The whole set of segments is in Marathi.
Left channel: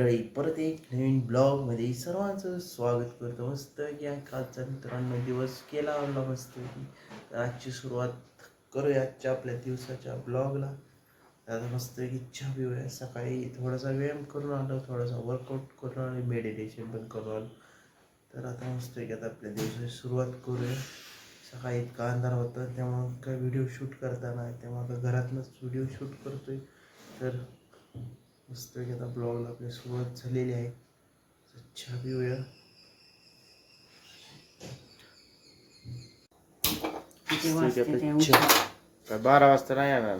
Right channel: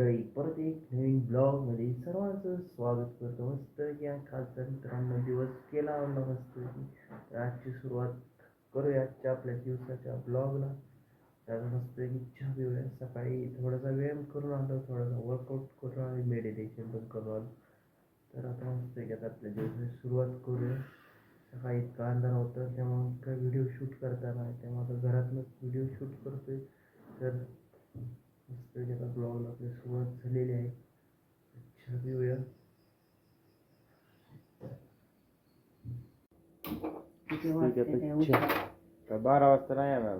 मंडळी, परत एक नवीन ब्लॉगमध्ये सर्वांचं स्वागत करतो. मस्त की कालचा मित्रांनो दिवस केला आवडला मस्त की. तर आजची सुरुवात करूया आजच्या आपल्या दिवसाच्या ब्लॉगला. आता मस्त की चहा पिऊया. सकाळी थोडासा व्यायाम करून आलो, थोडासा वर्कआउट करून आलो, मेडिटेशन पण करून आलो. तर आता मस्त की आता आपल्या दिवसाची सुरुवात करूया. सकाळी इतका अंधार होता त्यामुळं काय व्हिडिओ शूट करता नाही, त्यामुळे आता घरातनंच व्हिडिओ शूट करतोय. तर मस्त की आता ब्लॉगला आपली सुरुवात झालेली आहे. चहा पिऊया. काय 12 वाजता नाही येणार.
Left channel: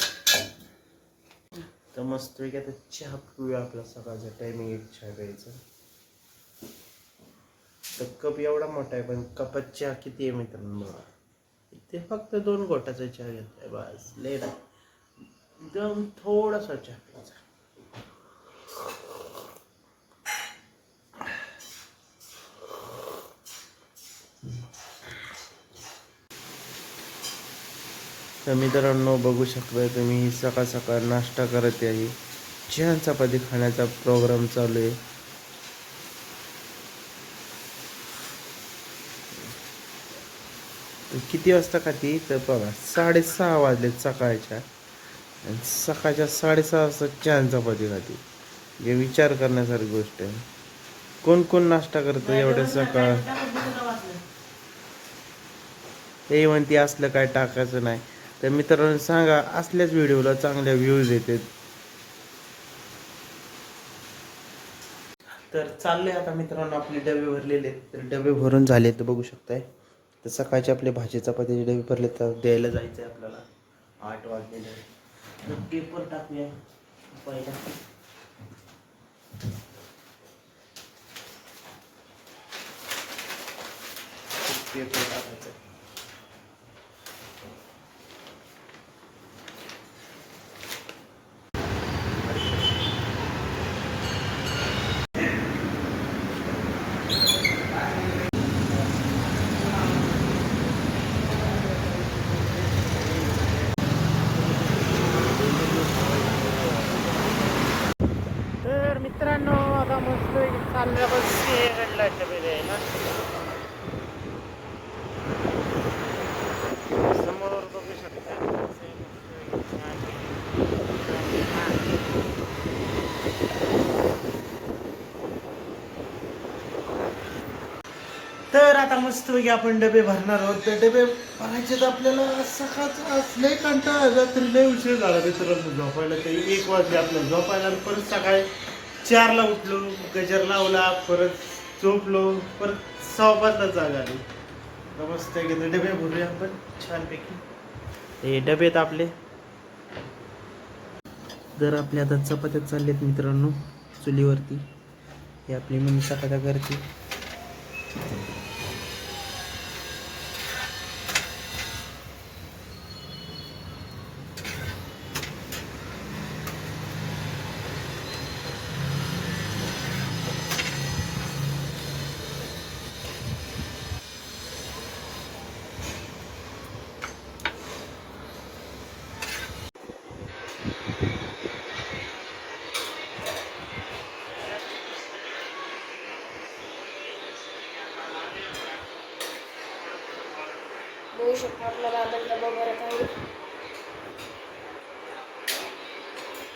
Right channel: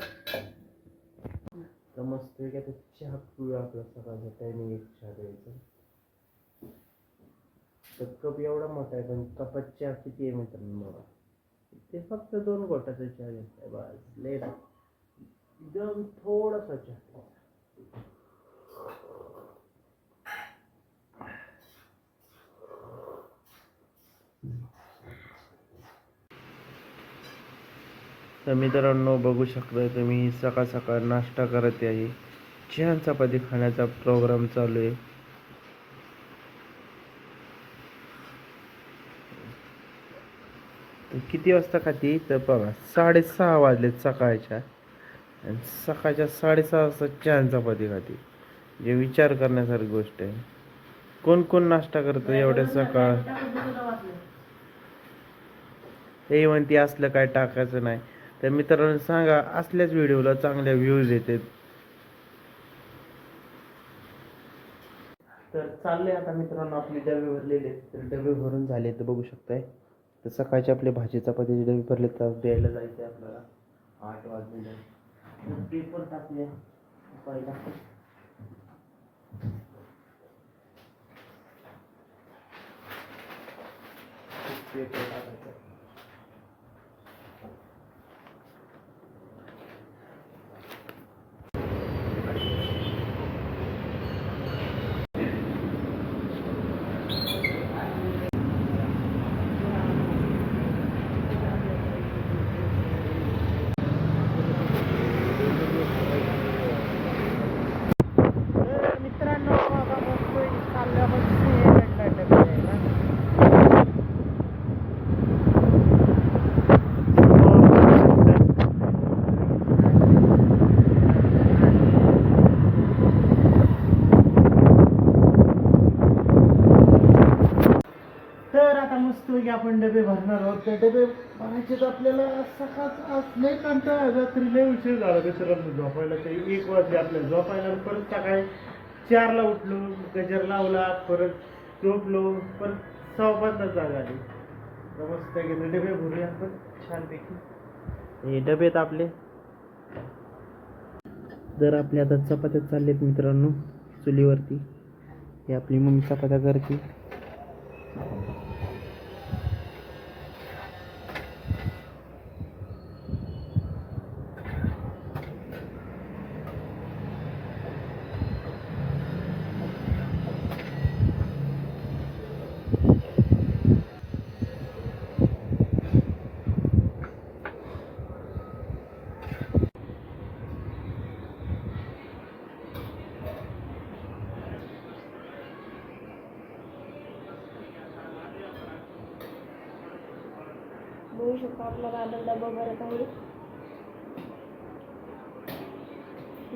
तर मस्त की आता चहा पिऊया. आपला सकाळचा टायमिंग एक चहा प्यायचा. तर कप एवढा मोठा आहे पण कपात चहा किती आहे मित्रांनो बघा. इथे फक्त 2 घोटाचा चहा घेतलाय बस, लय नाही. एकदम थोडासा चहा प्यायचा. तर मित्रांनो बघू शकता तुम्ही, सकाळ सकाळ नाश्ता करत आहे. छान चपाती खाण्याचा प्रोग्राम चालू आहे. किती वाजता खाती तर बघा, 6:30 वाजलेत सकाळच्या. आणि सकाळच्या 6:30 वाजता छान चपाती खाती. हे विचार करण्यासारखी गोष्ट आहे. कोण कोण नाश्ता करतं एवढ्या सकाळ? हे म्हणते असलं काय टाकायचं नाही. तर मित्रांनो सांगा, असल्याच व्हिडिओला चांगल्या व्ह्यूज येतात. तर चाललंय आता मित्रांनो, आपले डबे भरलेले आहेत. तर डबे भरून झाले तर बघू शकताय. तर सकाळचे आपले भाजी चपातीचे डबे भरले, तर द्यायला जायचं आहे आपल्याला. 8 वाजलेले. तर पेपर टाकूया पहिला. पेपर टाकायचा. तर मित्रांनो आता मस्त चालल्या बस घडला. तर आता मस्त की आपण डबे भरणार आहोत. तर डबे भरायचे तर आपल्याला सकाळचा लय कंटाळा, रात्री लय उशीर झाला मित्रांनो झोपायला. काही 1 वाजले आपल्याला झोपायला. परत सकाळी 4ला उठलो, गजर लावला, परत झोपलो, परत 5:15ला जाग आली. तर मस्त की डबे भरूया आपण छानपैकी. हे डबेत आपले. तर आपल्या आता चपात्या चालल्यात मित्रांनो चुलीवरती. हे आपली मम्मी चपात्या करते. बघू शकतो आपला दादा डबा भरत आहे.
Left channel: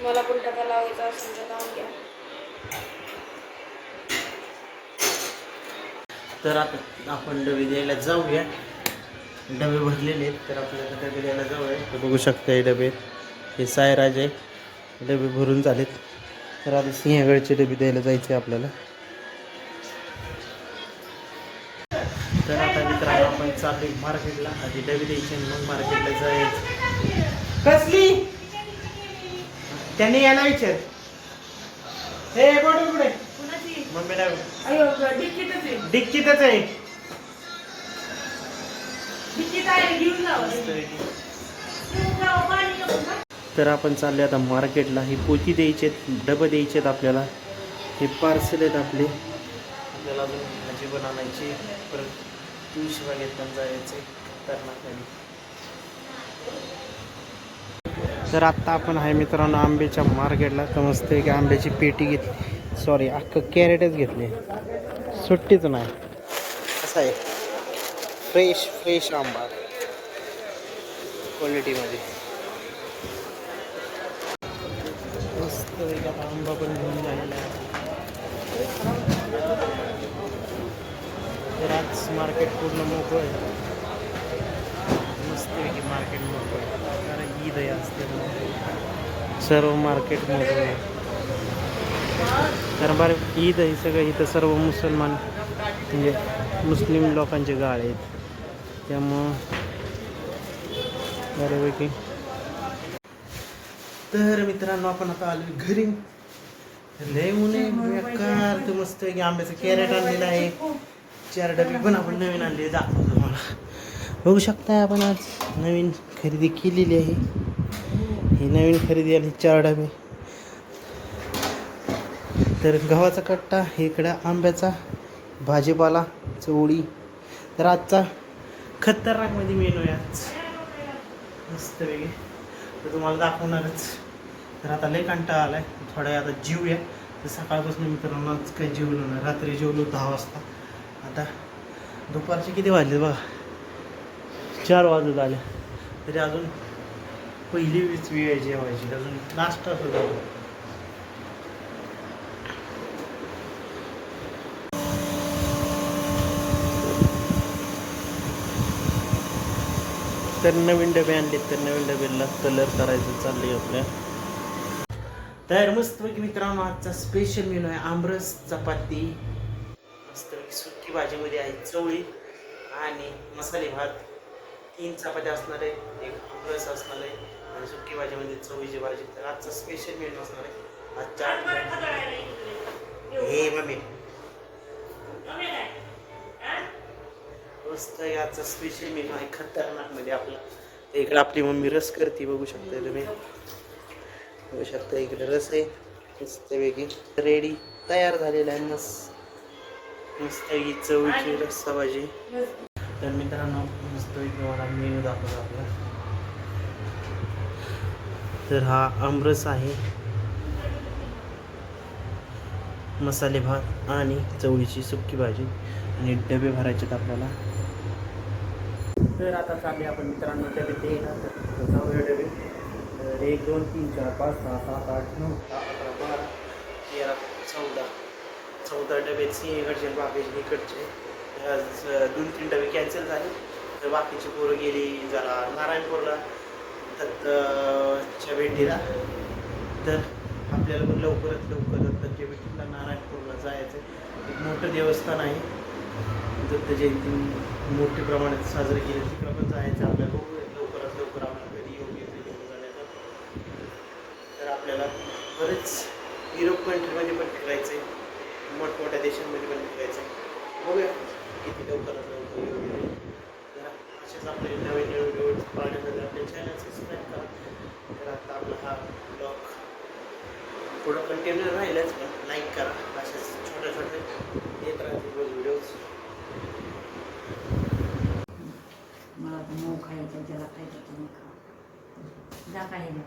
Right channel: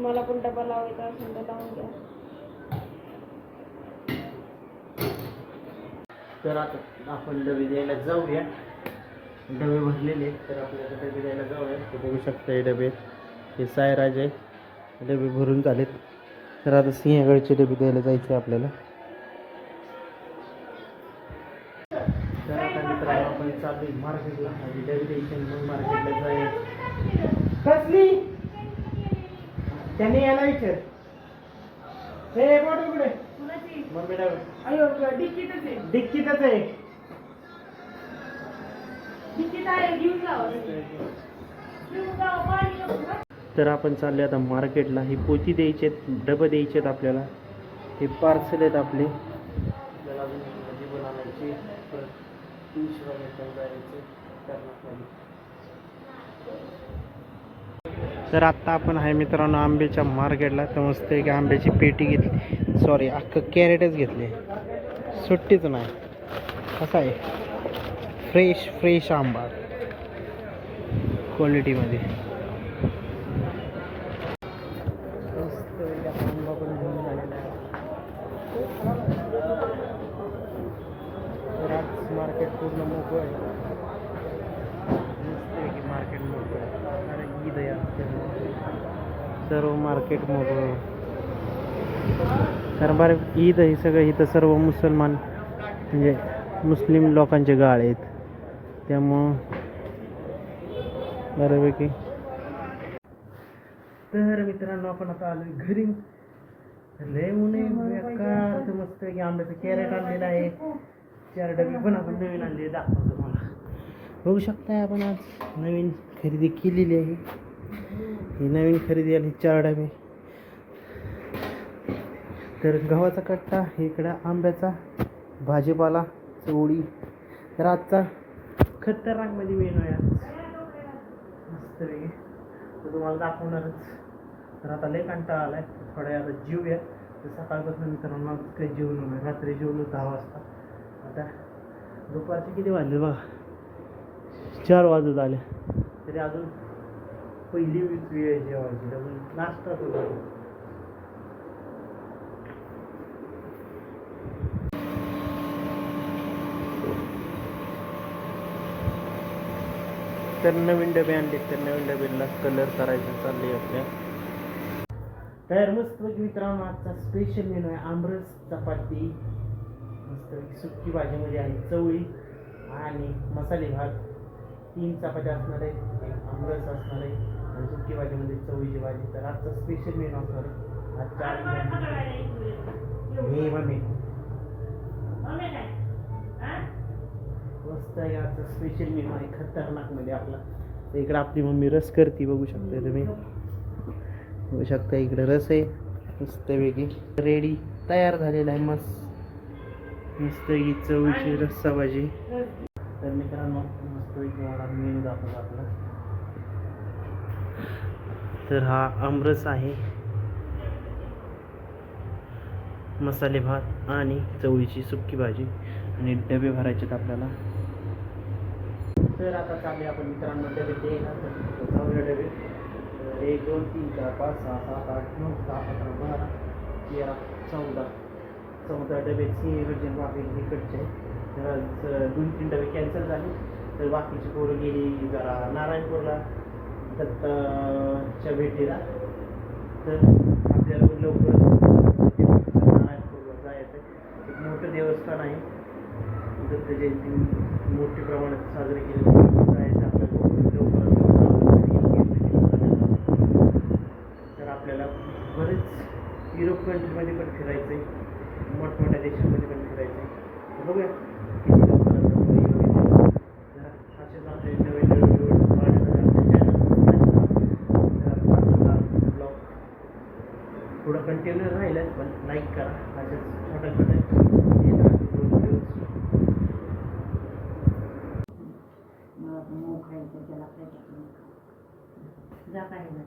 मला पण डबा लावायचा असेल तर लावून घ्या. तर आता आपण डबे द्यायला जाऊया. डबे भरलेले आहेत तर आपल्याला डबे द्यायला जाऊया. तर बघू शकता हे डबे, हे सायराज आहे. डबे भरून झालेत. तर आता सिंहगडचे डबे द्यायला जायचे आपल्याला. तर आता मित्रांनो आपण चालू मार्केटला. आधी डबे द्यायचे मग मार्केटला जायचं. कसली त्यांनी यायला विचार. हे बॉटल कुठे? मम्मीला डिक्कीतच आहे. तर आपण चालले आता मार्केटला. ही पोती द्यायचे, डबे द्यायचे आहेत आपल्याला. हे पार्सल आहेत आपले. आपल्याला अजून भाजी पण आणायची, परत तुळशी बागेत पण जायचे. तर आत्ता आपण आहे मित्रांनो आंब्याच्या मार्केटला. तर मस्त की आंब्याची पेटी घेतली, सॉरी अख्खं कॅरेटच घेतले, सुट्टीच नाही. असं आहे फ्रेश फ्रेश आंबा क्वालिटीमध्ये. मस्त एक आता आंबा पण घेऊन झालेला आहे. तर आज मार्केट पूर्ण मोकळं आहे. मस्त आहे मार्केट मोकळं आहे कारण ईद आहे असते सर्व मार्केट मोकळं आहे. कारण बरं ईद आहे सगळं इथं सर्व मुसलमान म्हणजे मुस्लिम लोकांचे गाळे आहेत त्यामुळं बऱ्यापैकी. तर मित्रांनो आपण आता आलो घरी. लय ऊन आहे बेकार. तर मस्त की आंब्याचं कॅरेट आणलेलं आहे. 4 डबे पण आपण नवीन आणले दाखवतो मला. बघू शकता आपण आज नवीन खरेदी केलेली आहे. ही नवीन खरेदी आणि 4 डबे. तर गव्हाचा कट्टा इकडे आंब्याचा भाजीपाला चवळी. तर आजचा खतरनाकमध्ये मेनू आहे आज मस्त वेगळी. तर तुम्हाला दाखवणारच. तर आता लय कंटाळा आलाय थोड्या आता जीव आहे. तर सकाळपासून मित्रांनो आज काही जेवलो नाही. रात्री जेवलो 10 वाजता. आता दुपारचे किती वाजले बघा 4 वाजत आले तरी अजून पहिली वेळ आहे जेवायची. अजून नाश्ता सुद्धा. तर नवीन डबे आणले. तर नवीन डब्याला कलर करायचं चाललं आहे आपल्या. तर मस्तपैकी मित्रांनो आजचा स्पेशल मेनू आहे आमरस चपाती. मस्तपैकी सुक्की भाजीमध्ये आहे चवळी आणि मसाले भात. 3 चपात्या असणार आहे, एक आमरस असणार आहे आणि सुक्की भाजीमध्ये चवळीची भाजी. तर आजचा स्पेशल मेनू असणार आहे आजच्या हे मम्मी मस्त आहे. आजचा स्पेशल मेनू आहे खतरनाकमध्ये आपला. इकडे आपली मम्मी रस करते बघू शकता तुम्ही. बघू शकता इकडे रस आहे मस्तपैकी रेडी तयार झालेला आहे. मस्त ही चवळीची रस्सा भाजी. तर मित्रांनो मस्तपैकी मला मेनू दाखवतो आपला. तर हा आमरस आहे, मसाले भात आणि चवळीची सुक्की भाजी आणि डबे भरायचे आहेत आपल्याला. तर आता चालले आपण मित्रांनो डबे ते डबे 1 2 3 4 5 6 7 8 9 10 11 12 13 14 डबे इकडचे बाकीचे इकडचे. आज 2-3 डबे कॅन्सल झाले. तर बाकीची पोरं गेली जरा नारायणपूरला दत्तच्या भेटीला. तर आपल्याला पण लवकरात लवकर दत्तच्या भेटीला नारायणपूरला जायचं. एक मोठं देवस्थान आहे दत्त जयंती मोठ्या प्रमाणात साजरी केली. आपण जायचं आपल्याला लवकरात लवकर आपण घरी येऊन. तर आपल्याला बरेच युरोप कंट्रीमध्ये पण फिरायचं आहे, मोठमोठ्या देशांमध्ये पण फिरायचं आहे. बघूया किती लवकरात लवकर. तर असेच आपले नवीन नवीन व्हिडिओज पाहण्यासाठी आपले चॅनल सबस्क्राईब करा. तर आता आपला हा ब्लॉग थोडं कंटिन्यू राहिलंच पण लाईक करा. असेच छोट्या छोट्या येत राहतील व्हिडिओज. मला मऊ खायचं ज्याला खायचं तुम्ही खा जा काही नाही.